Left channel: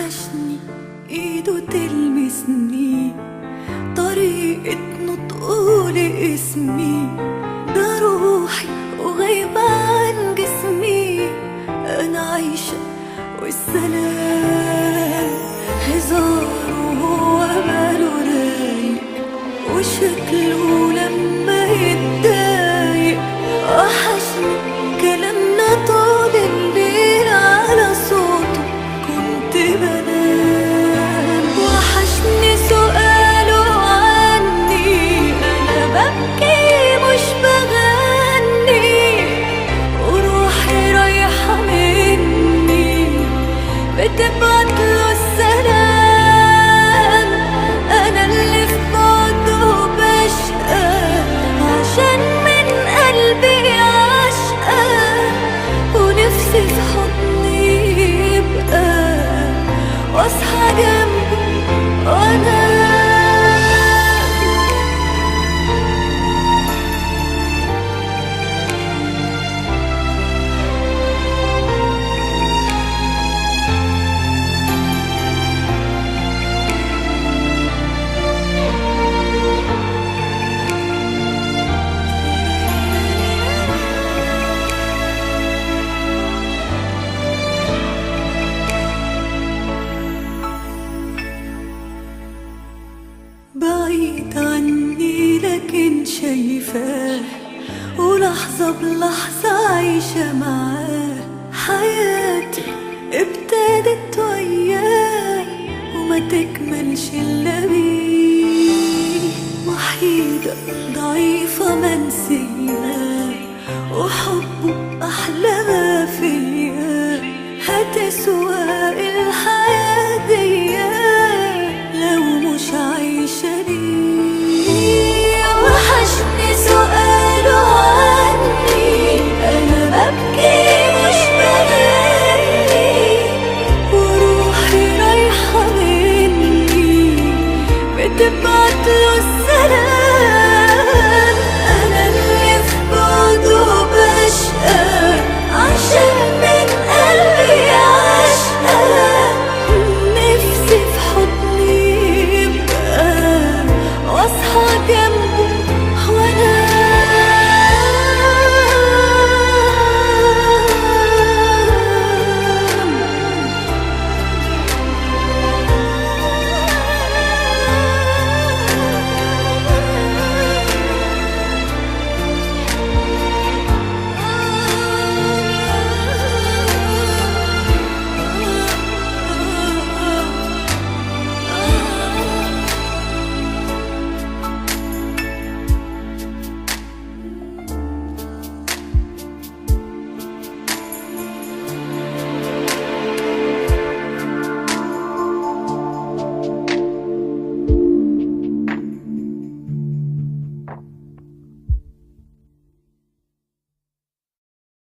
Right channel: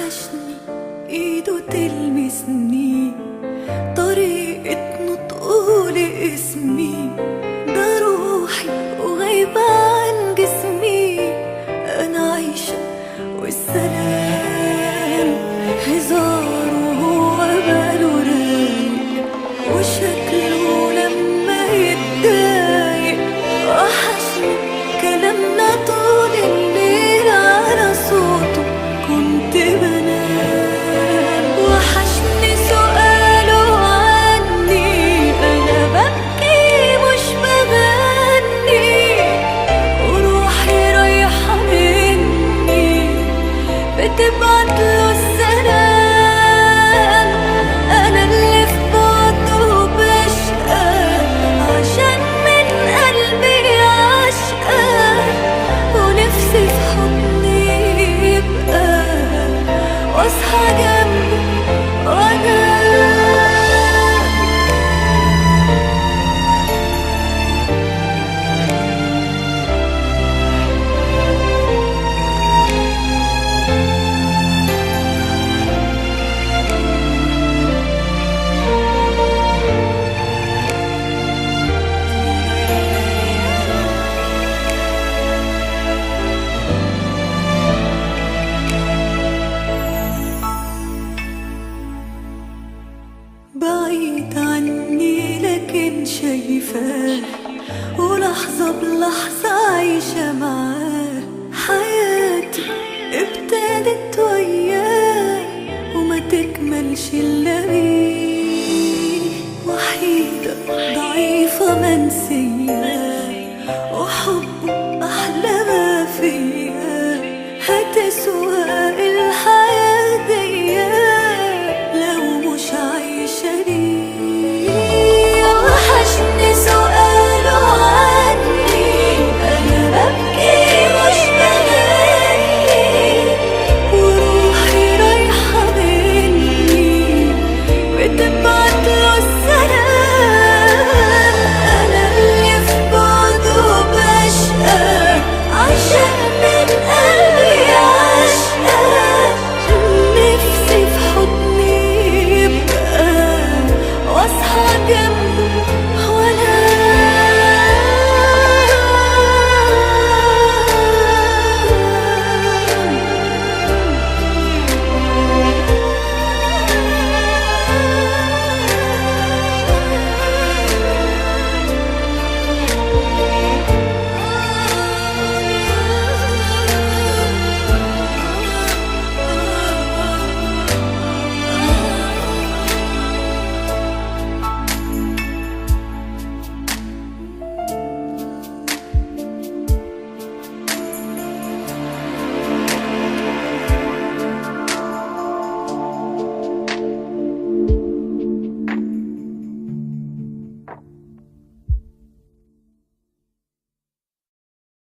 وحشني ايده تلمسني، طريقة نطقه لاسمي، ده روحي وغايبة عن جسمي. انا عايشة والسلام هزار وهو باله رايق، وشكله لما يتضايق. وحشني كلامنا طول الليل على صوته كنت بنام. وحشني سؤاله عني انا ببكي مش بغني، وروحي رايحة مني بتبعتله السلام. انا اللي في بعده بشقى عشان من قلبي عشقى، ونفسي في حضني يبقى واصحى جنبه وانا بعيد عني لكن شايفاه، ولحظة بلحظة عايشة معاه. حياتي ابتدت وياه وما تكملش إلا بيه. وحيدة ضعيفة منسية وحبه أحلى